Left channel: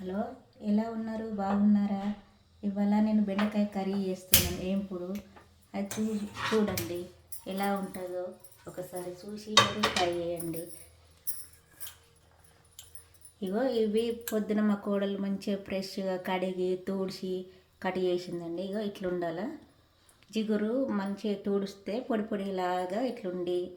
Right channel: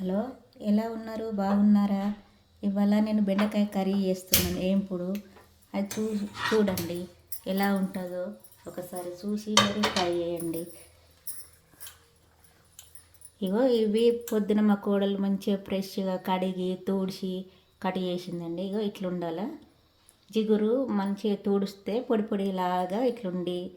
Hello ఎలా ఉన్నారు? బాగున్నారా? ఇవాళ నేను బెండకాయ కర్రీ చేస్తున్నాను. ఏంపుడు అది చూ చూడండి. ఎలా ఉంటుందో ఒకసారి చూసి మీరు ట్రై చేయండి. ఇగో ఇవి పొద్దున మా కోడలు మంచిగా ఫ్రెష్గా కడిగి తూడిచి కట్ చేసిందండి. ఇగో ఇట్లుండాల. జిగురు మంచిగా తూడిస్తే పొడి పొడిలాగా ఇట్లుండి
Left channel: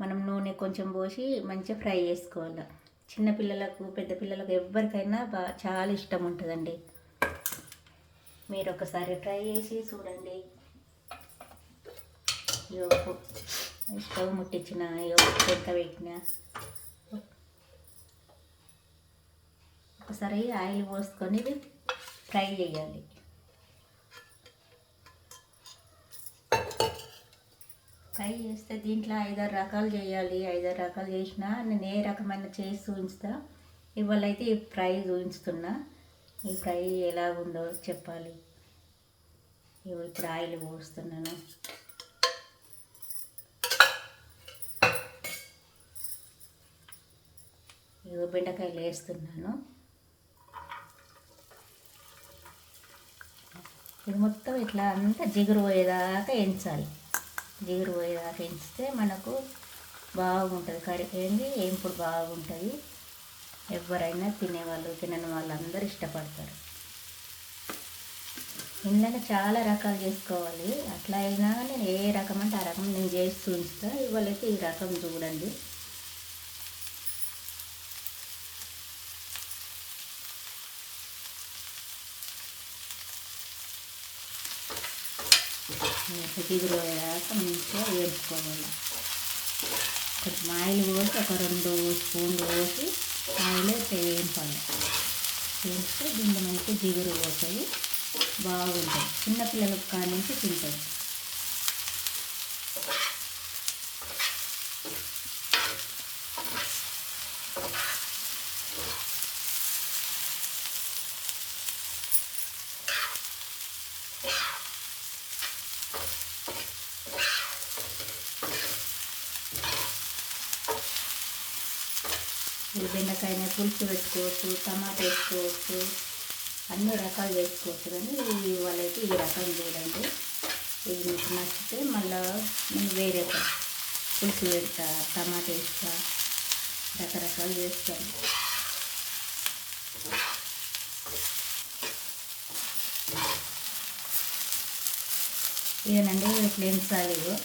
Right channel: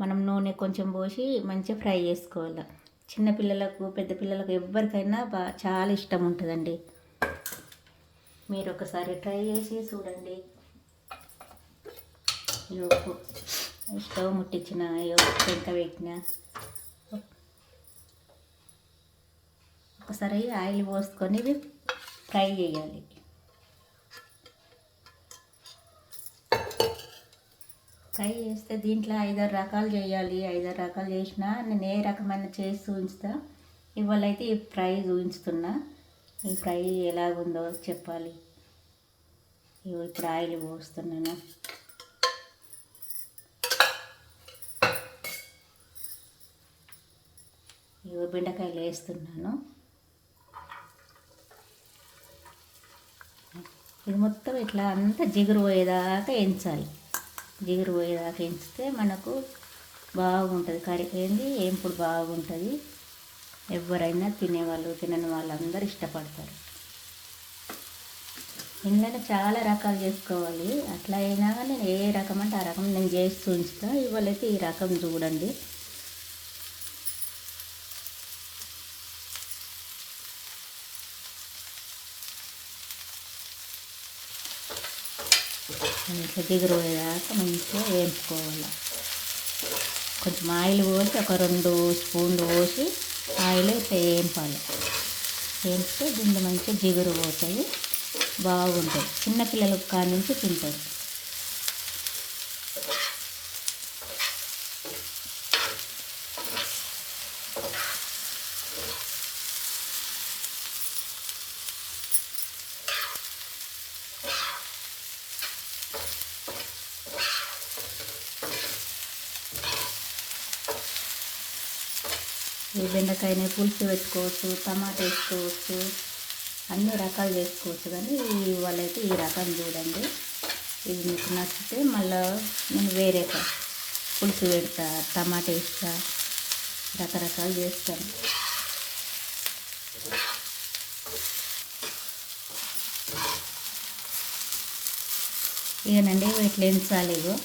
మనం నూనె కొంచెం పోసి మంచిగా ఫ్రై చేసుకోవాలి. చిన్నపిల్లలకు పెద్ద పిల్లలకు ఎవరికైనా బా చాలా ఇష్టం ఉంటుందండి. మీరు ఒకసారి ట్రై చేసి చూడండి. యోపు స్టవ్ ముట్టించిన ఇగో పెంట పెట్టిన. ఒకసారి ఆయిల్ పోసుకొని ట్రై ఫ్రై చేయాలి. ఫ్రై చేస్తే దీంట్లో ఐదారు రకాలు చేయాలి ఐదారు రకాలు చేసినా నేను ఏ రకమైన చేసి చూపిస్తా ఇవాళ అయితే ఈ ఫ్రై చూపిస్తున్నా. ఈ ఫ్రై ఎలాగుందో చెప్పాలి. ఇప్పుడు ఆయిల్ పోస్తున్నాను. ఇగో బెండకాయలు వేస్తున్నాను. ఇది మొత్తం ఇట్లా అంతా జిగురు పోయేదాకా ఎంచాలి జిగురు పోయేదాకా ఎంచితే మనకు బాగుంటుంది. కర్రీ ఏంది ఏంపుడు బాగుంటుంది. ఎవరైనా తినేవాళ్ళు తినని వాళ్ళందరూ ఇష్టపడతారు. ఇందులో చాలా రకాలు చేసుకోవాలి. అట్లా అయినా నేను ఏ రకం అంటే ఆ రకం నేను చేసి చూపిస్తాను ఇవాళైతే ఈ రకం చూడండి. ఇట్లా జిగురు పోయేదాకా మంచిగా వేయించుకోవాలి. కొంచెం ఆయిల్ పోసి ఒక రెండు స్పూన్లు పోసి ఆయిల్ ఇట్లా వేయించాలి వేస్తే దీంట్లో మంచిగా జిగురు పోతాయి. బాగుంటాయి. చిన్నపిల్లలకు కానించి నుంచి తింటారు. ఈ బెండకాయని పులుసు పెట్టుకోవచ్చు టమాటా వేసుకోవచ్చు అన్ని రకాలు చేసుకోవచ్చు కానీ వాళ్ళైతే ఈ రకం చూడండి. ఇది మీకు నచ్చితే మళ్ళీ నేను వేరే పులుసు పెడతా టమాటా వేస్తా రకరకాలు చేస్తాను ఇదేనండి ఇట్లా ఎంచాలి ఇగో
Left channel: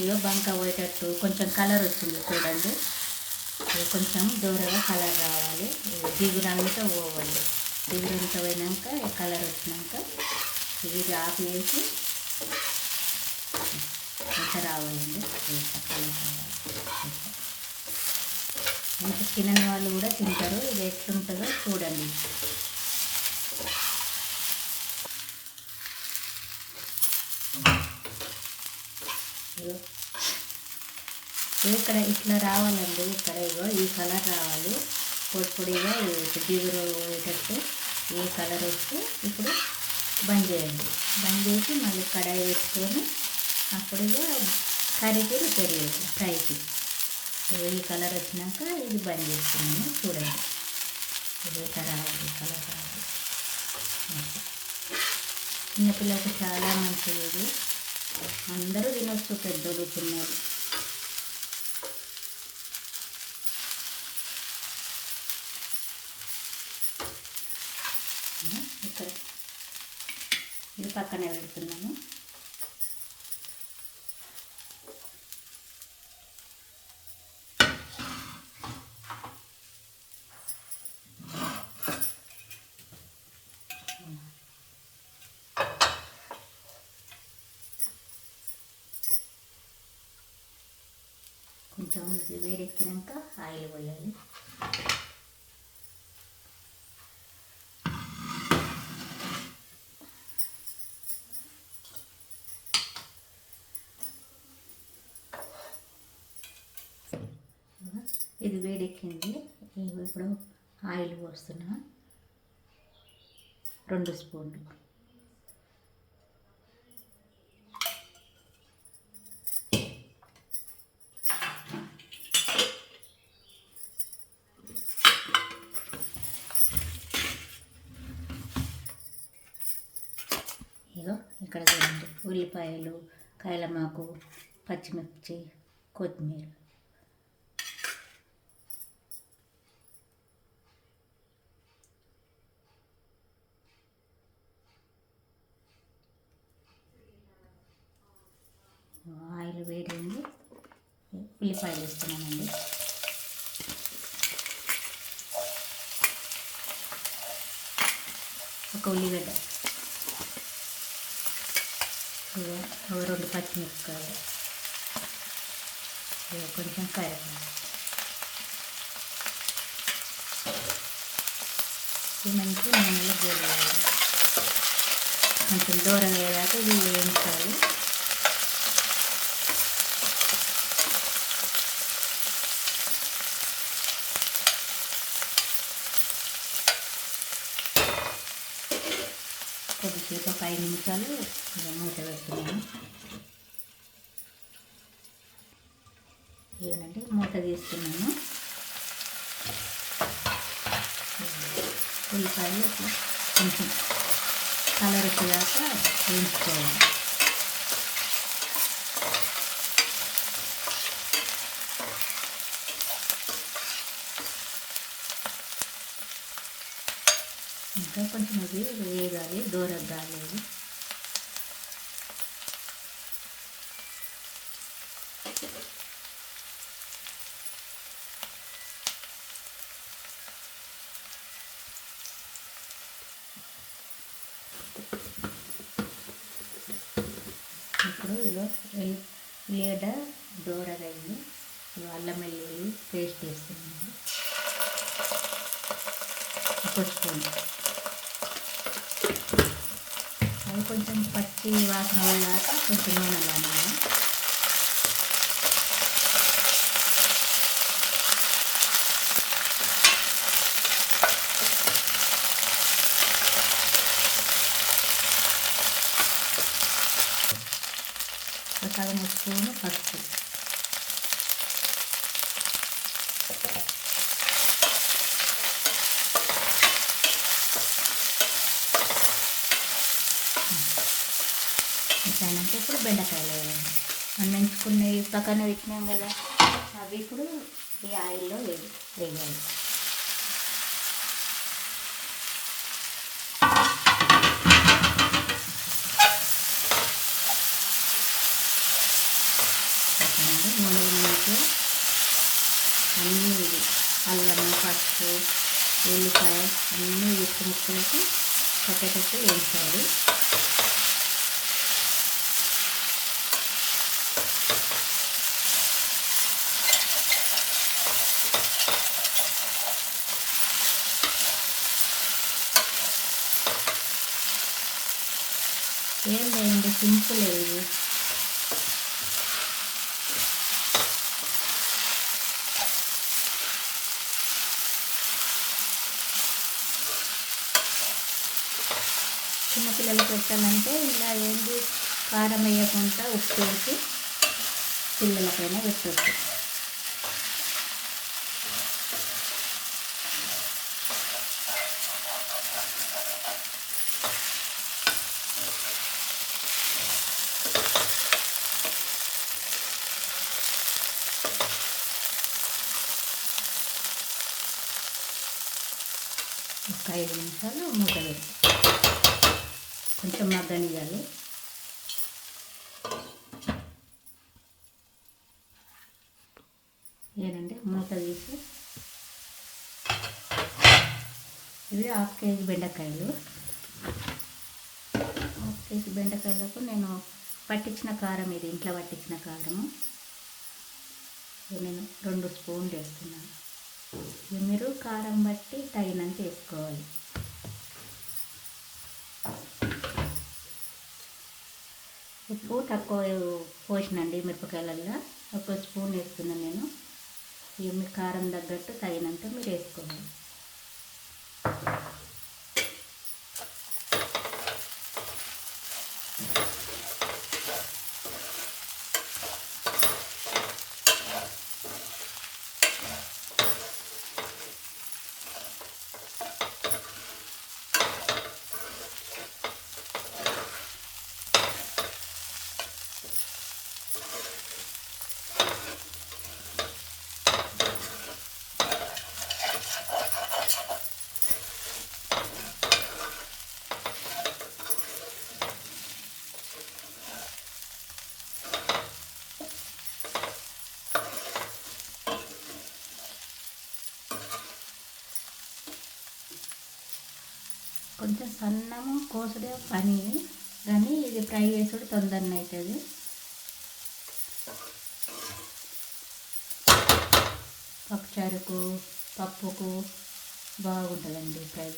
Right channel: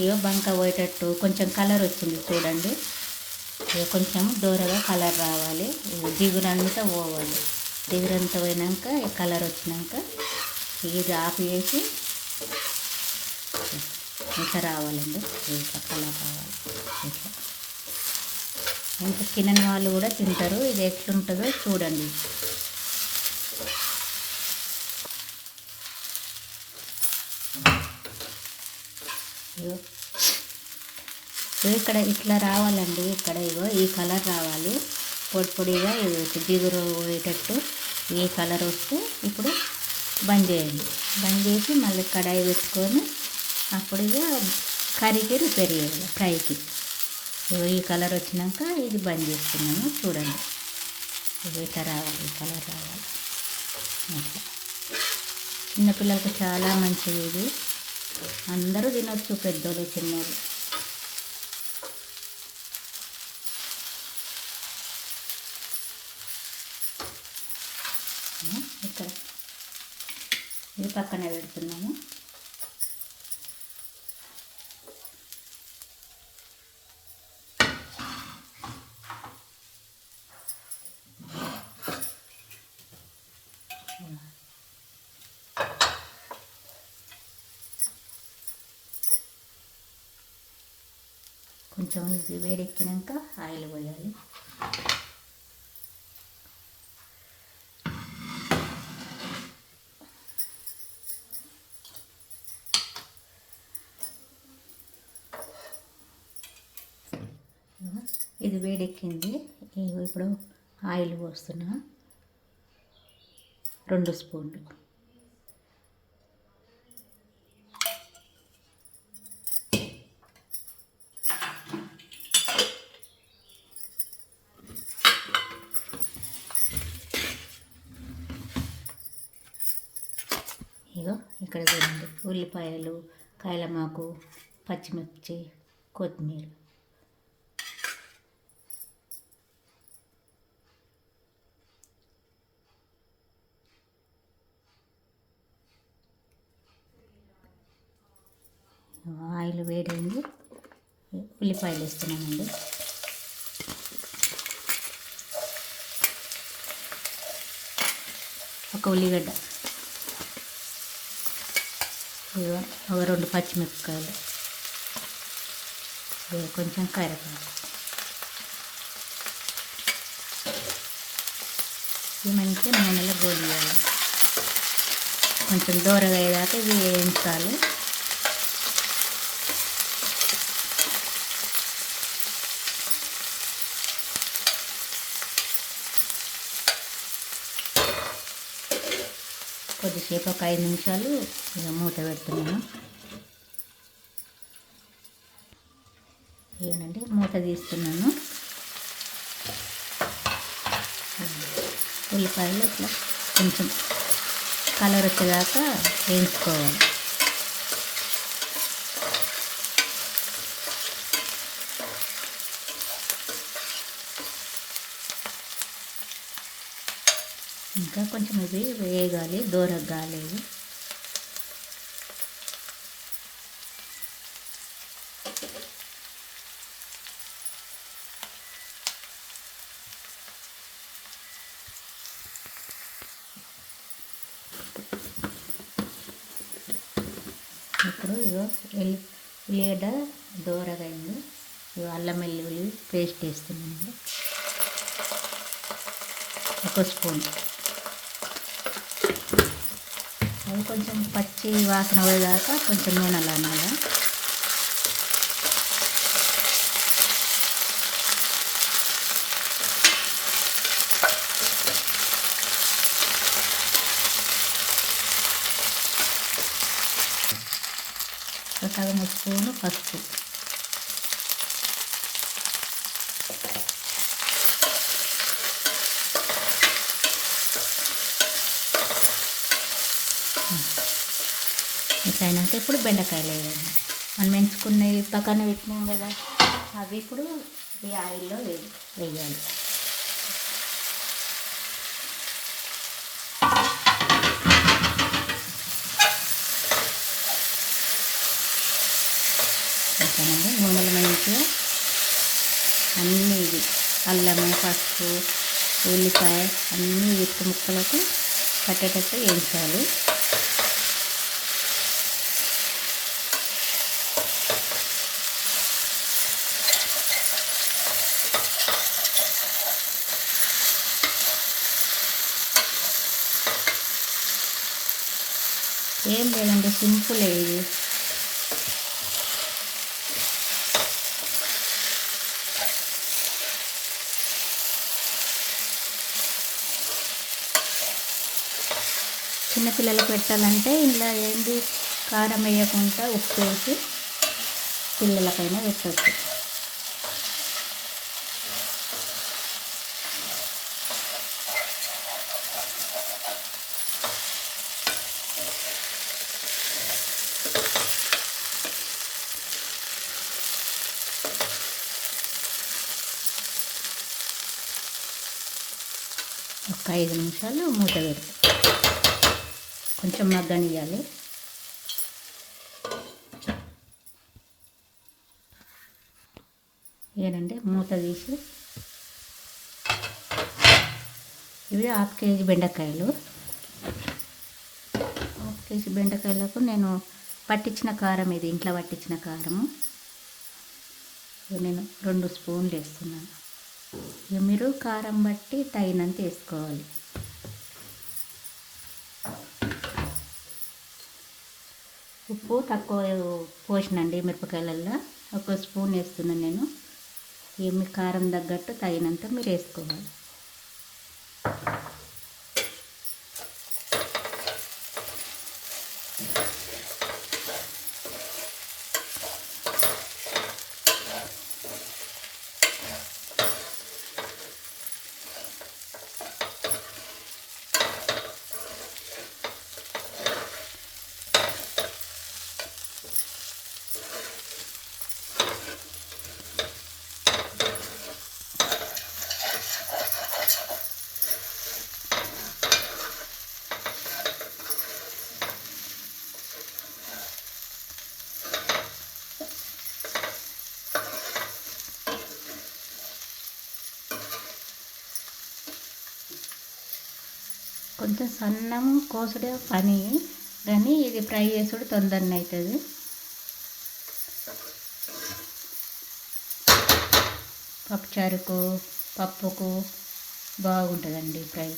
ఇగో బంక పోయేటట్టు కొంచెం కలర్ వచ్చింది చూడండి. కొంచెం దూరగా కలర్ రావాలి. దిగురంతా పోవాలి. దిగురంతా పోయినాక కలర్ వచ్చినాక ఇది ఆఫ్ చేసి ఇంకా రావాలండి. కలర్ రావాలి. ఇంకా తినని వాళ్ళు కూడా తింటారు. ఇది ఎట్లుంటుందో చూడండి. ఇక్కడ ఇట్లా రావాలండి. ఇక్కడ ఇగో ఈ కలర్ రావాలి. పొడి పొడిగా జిగురు పోయేటట్టు ఈ కలర్ వస్తే ఇప్పుడు బంద్ చేయండి. బంద్ చేసి మళ్ళీ కడాయి పెట్టుకొని అప్పుడు ఇక కర్రీకి రిపేర్ చేయాలి ఫ్రైకి. ఈ కలర్ వచ్చినాక ఇది బంద్ చేస్తున్నాము చూడండి. ఇది ఇట్లా రావాలి? ఈ కలర్ రావాలి. చిన్నపిల్లలకు చాలా మంచిది ఇది. అందరూ తినొచ్చు పెద్దోళ్ళు చిన్నోళ్ళు ఇక్కడ ఇది పక్కనే పెడుతున్నాము. కొంచెం ఇది వేడెక్కినాక ఆయిల్ పోయాలి. ఇది వేడెక్కింది. ఇప్పుడు ఆయిల్ పోస్తున్నా. రెండు స్పూన్లు. ఇగో ఇక్కడ చూడండి ఉల్లిపాయలు కాయలమాకు పచ్చిమిర్చి కొత్తిమీర. ఉల్లిపాయలు వేస్తున్నానండి ఒక ఉల్లిగడ్డ. ఇదిగో ఒక రెండు పచ్చిమిరపకాయలు. ఇదిగో కొంచెం కరివేపాకు. ఇవి మంచిగా నూనెలో గోలు కొంచెం దూరగా అయ్యేదాకా ఇవి వేయించాలి. కొద్దిసేపు ఒక ఐదు నిమిషాలు మూత పెడుతున్నాను ఇదేనండి మూత తీస్తున్నాను ఉల్లిపాయలు ఇట్లా కొంచెం కలర్ వచ్చేదాకా వేయించుకోవాలి. ఇంకా కొంచెం ఇది ఇప్పుడు ఇదో ఎల్లి ఉల్లిగడ్డ దూరగా అల్లం వెల్లుల్లి పేస్ట్ వేస్తున్నాను. ఒక స్పూన్. అది కొంచెం పచ్చి వాసన పోయేదాకా కొంచెం నూనెలో అన్నమాట ఒక సగం స్పూను పసుపు. అయినాక ఇప్పుడు బెండకాయలు వేయాలి. మనం ఎంచుకునే పక్కన పెట్టినాం కదా అవి ఇప్పుడు ఈ ఆయిల్లో వేయాలి ఓకేనండి నూనెలు మంచిగా అన్నీ ఇది అల్లము పసుపు ఉల్లిపాయ అన్నీ ఉప్పు ముక్కలకు పట్టేటట్టు వేయించాలి. ఏం లేదండి సింపుల్ ఇది. చిన్నపిల్లలకు పెట్టాలంటే ఇలా ఏంది? కారం వేయకుండా ఉప్పు వేసి పిల్లలపైన పెట్టచ్చు. ఒక ఐదు నిమిషాలు మూత పెడతాం. కొంచెం మగ్గనియాలి ఏనండి మూత తీసి ఇవి హాఫ్ కేజీ బెండకాయలు. హాఫ్ కేజీ బెండకాయలకు నేను పట్టించిన కారం ఇది ఇంట్లో పట్టించిన కారము నేను రెండు స్పూన్లు వేస్తున్నాను. ఇక మీరు కారం బట్టి తగినంత వేసుకోవాలి. ఉప్పు తక్కువ పోసినండి మిరపకాయలల్లో. ఒక స్పూన్ వేస్తున్నాను నేను. కారం తగ్గట్టు తగినంత మీరు వేసుకోవాలి. కొంచెం సన్నము కోసుడే పని. కానీ ఇది ఫ్రై చేసుడు తొందరనే అవుతుంది పప్పుచారుకు పప్పుకు బాగుంటుందండి ఫ్రై.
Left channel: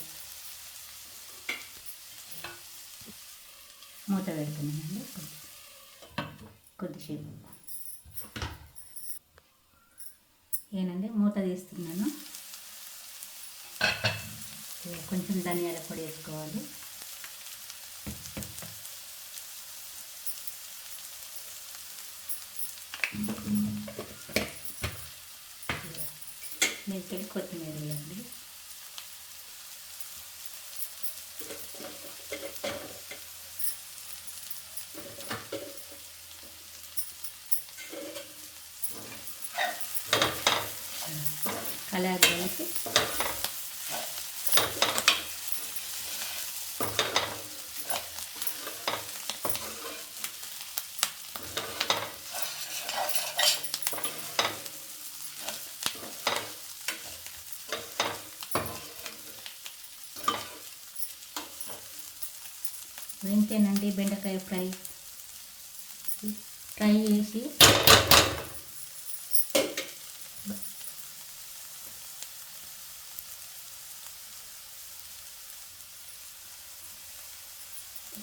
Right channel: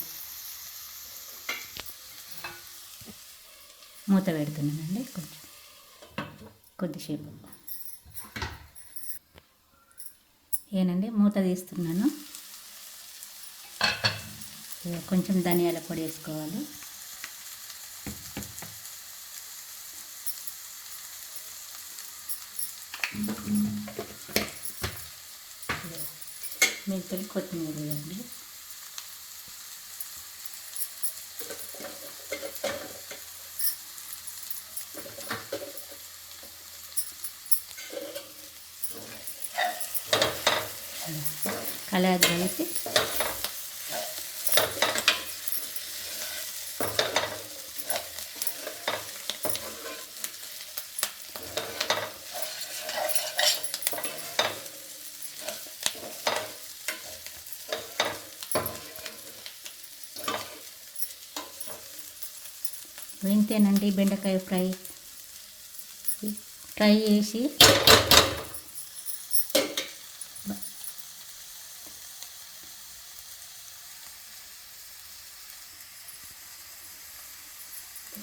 మూత పెడుతున్నానండి కొంచెం. కొద్దిసేపు. ఏనండి మూత తీస్తున్నాను. కొంచెం ధనియాల పొడి వేసుకోవాలి. మెంతులు కొత్తిమీర వేయండి. కలర్ వేసి ఇంతేనండి బెండకాయ ఫ్రై. ఫ్రై చేసి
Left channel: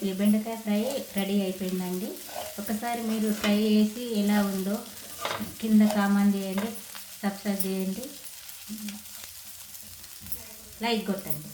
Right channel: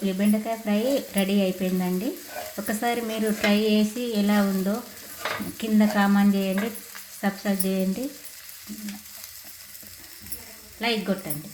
ఈ బెండకాయ ఫ్రై రెడీ అయిపోయిందండి. ఒకసారి మీరు ట్రై చేసి ఎలా ఉందో కింద కామెంట్ చేయండి సబ్స్క్రైబ్ చేయండి. లైక్ కొట్టండి.